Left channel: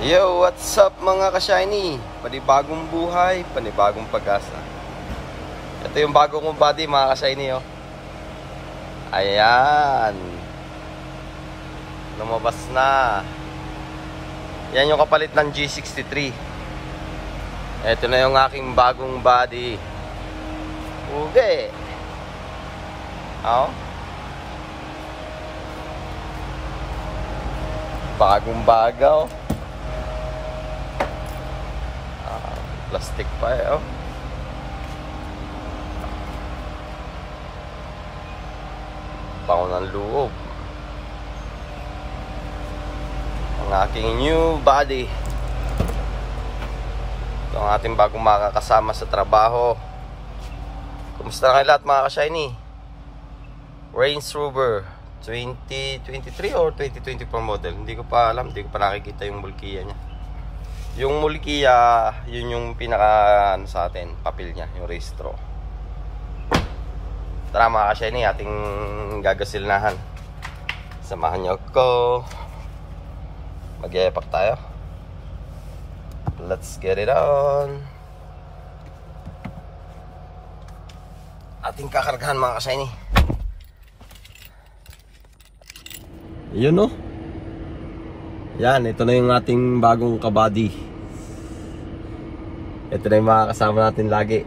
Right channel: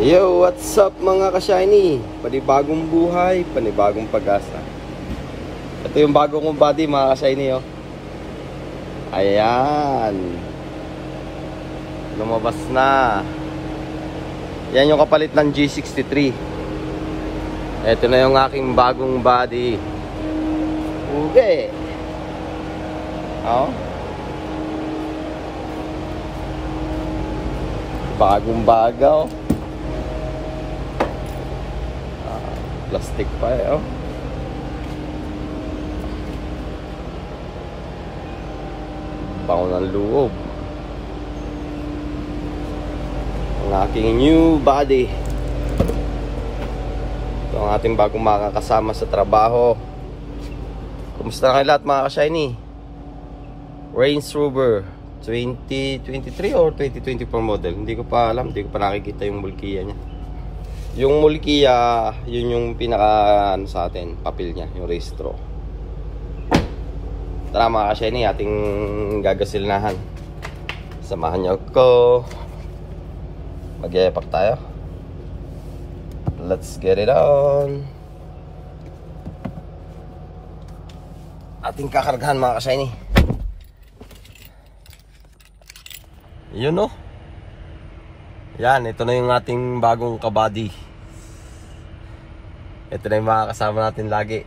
Yo, what's up mga ka-shiny? Panibagong buhay, panibagong pag-asa. Ito yung bago kong body mga ka-shiny, oh. Ayan. Lumabas na. Yan yung kapalit ng G63. Ito na yung aking bagong body. Okay. Oh. Bagong bagaw. Plastic pa eh, oh. Bango ng loob. Ang aking new body. Yung ating bagong makakasama sa trabaho. Kumusta na kayo lahat mga ka-shiny? Range Rover 2023 or 2024 model. Hindi ko pa alam, hindi ko pa nakikita yung mulkiya niya. Yung mulkiya, yun yung pinaka ano sa atin, papel niya, yung restro. Tara mga ka-shiny, ating gagasilnahan. Samahan niyo ako. Mag-epak tayo. Let's get it on. Ating kakargahan mga ka-shiny. Yun no. Yan, ito na yung ating bagong kabady. Ito na yung mga kasama natin lagi.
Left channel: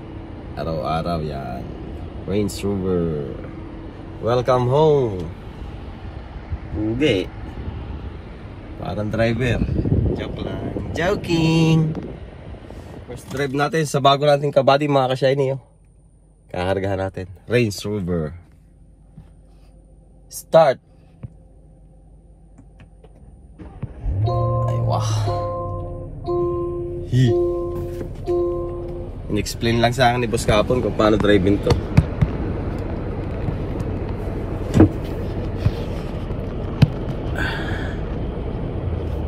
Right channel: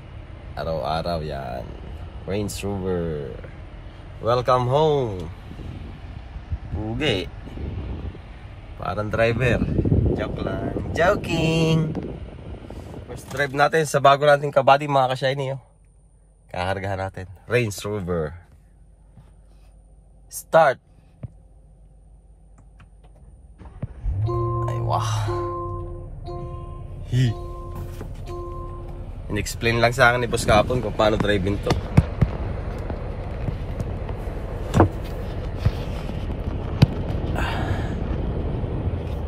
Araw-araw yan. Range Rover. Welcome home. Buge. Parang driver. Joke lang. Joking. First drive natin sa bago nating kabady mga ka-shiny. Kakargahan natin. Range Rover. Start. In-explain lang sa akin ni Boss kahapon kung paano driving to.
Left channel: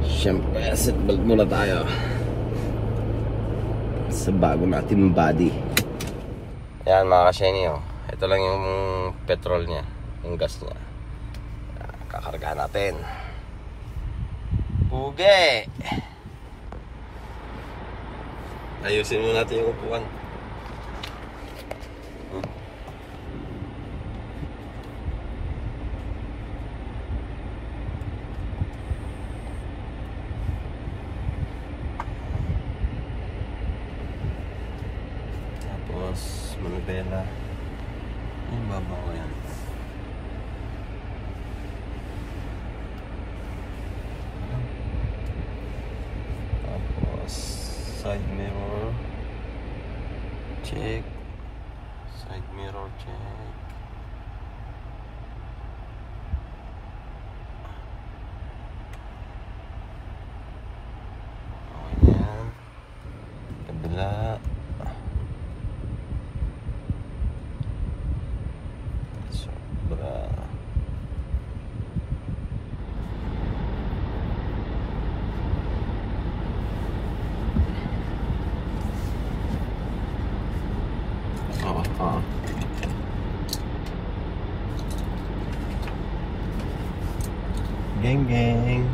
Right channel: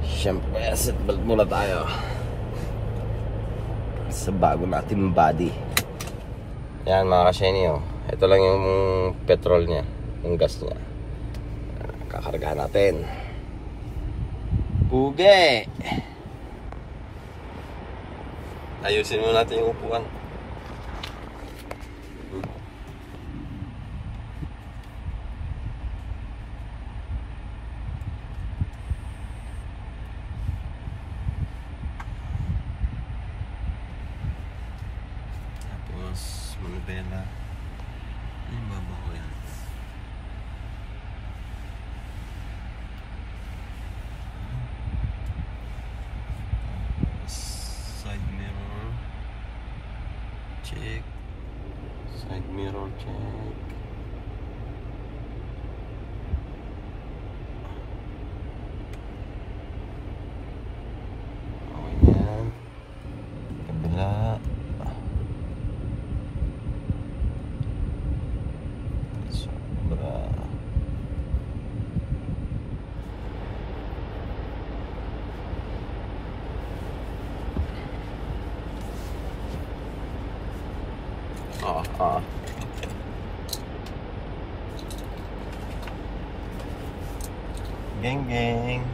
Siyempre, seatbelt muna tayo sa bago natin body. Ayan mga ka-shiny, oh. Ito lang yung petrol niya, yung gas niya. Kakargahan natin. Buge! Ayusin mo natin yung upuan. Tapos manubela. Yung babaw yan. Tapos side mirror check. Side mirror check. Ayan. Kabila. Sobra. Geng geng.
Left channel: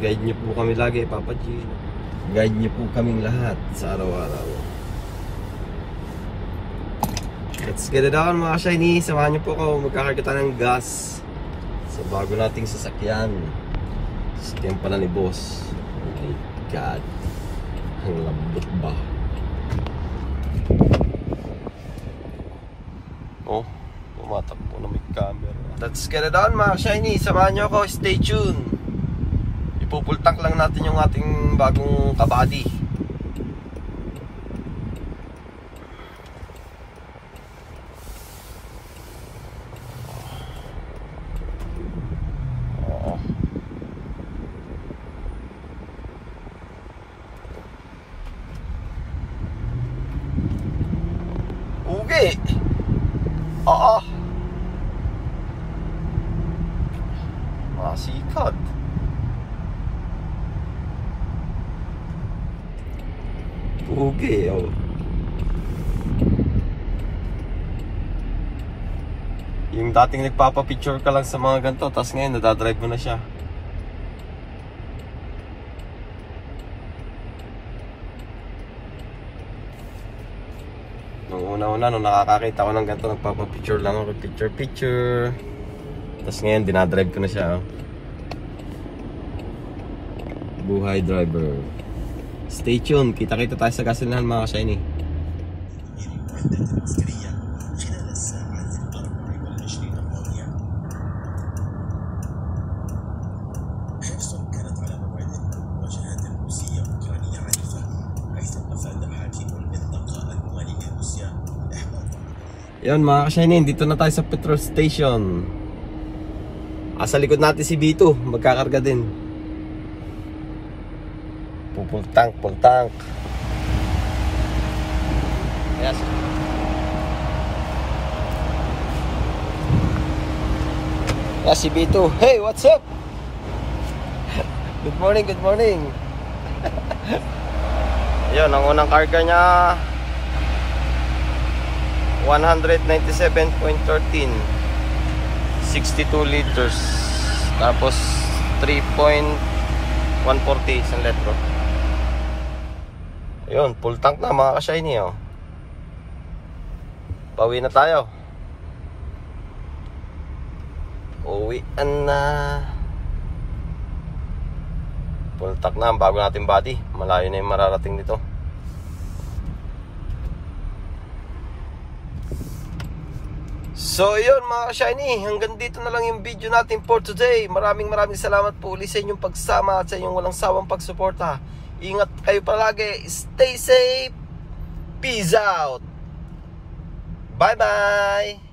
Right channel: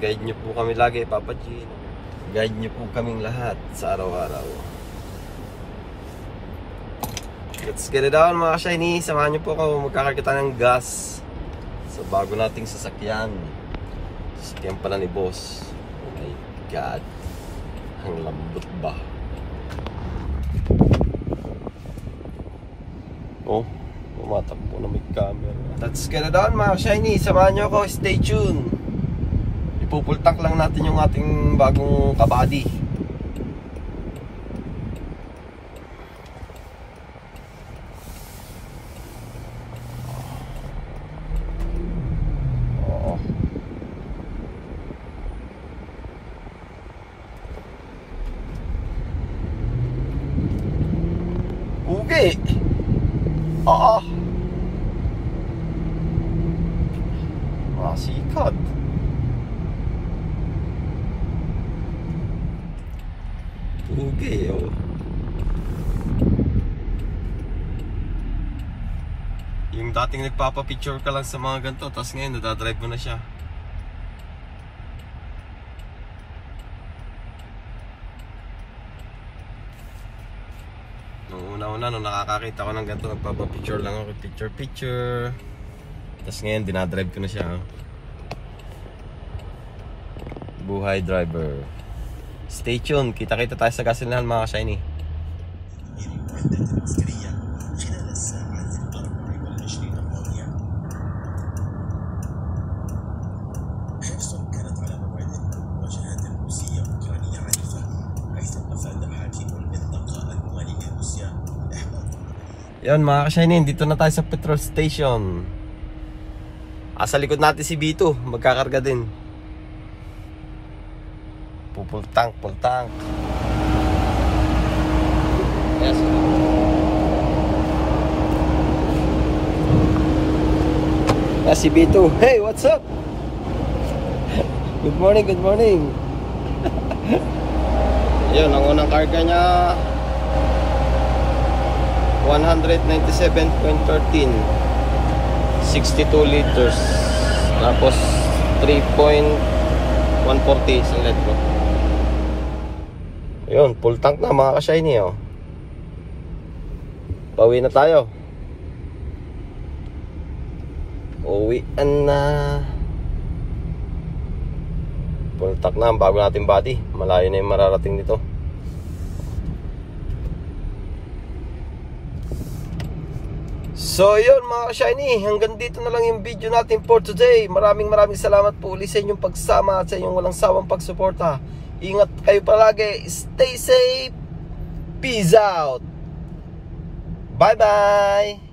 Guide niyo po kami lagi, Papa G. Guide niyo po kaming lahat sa araw-araw. Let's get it on mga ka-shiny. Samahan niyo po ako, magkakarga ng gas sa bago nating sasakyan. Sasakyan pala ni Boss. Oh my God. Ang lambot ba? Oh, tumatakbo na may camera. Let's get it on mga ka-shiny. Samahan niyo ako, stay tuned. Ipupultak lang natin yung ating bagong kabady. Masikat. Pugi, oh. Yung dating nagpapapicture ka lang sa mga ganito, tapos ngayon nadadrive mo na siya. Nung una-una, nung nakakakita ko ng ganito, nagpapapicture lang ako, picture. Tapos ngayon, dinadrive ko na siya, oh. Buhay driver. Stay tuned, kita-kita tayo sa gasolinahan mga ka-shiny. Yan mga ka-shiny, dito na tayo sa petrol station. Sa likod natin si B2, magkakarga din. Full tank. Yes. Si B2, hey, what's up? Good morning. Yan, ang unang karga niya 197.13, 62 liters, tapos 3.140 isang litro. Yun, full tank na mga ka-shiny, oh. Pauwi na tayo. Uwian na. Full tank na ang bago nating body. Malayo na yung mararating dito. So yun mga ka-shiny, hanggang dito na lang yung video natin for today. Maraming salamat po ulit sa inyong pagsama at sa inyong walang sawang pagsuporta. Ingat kayo palagi, stay safe, peace out, bye bye.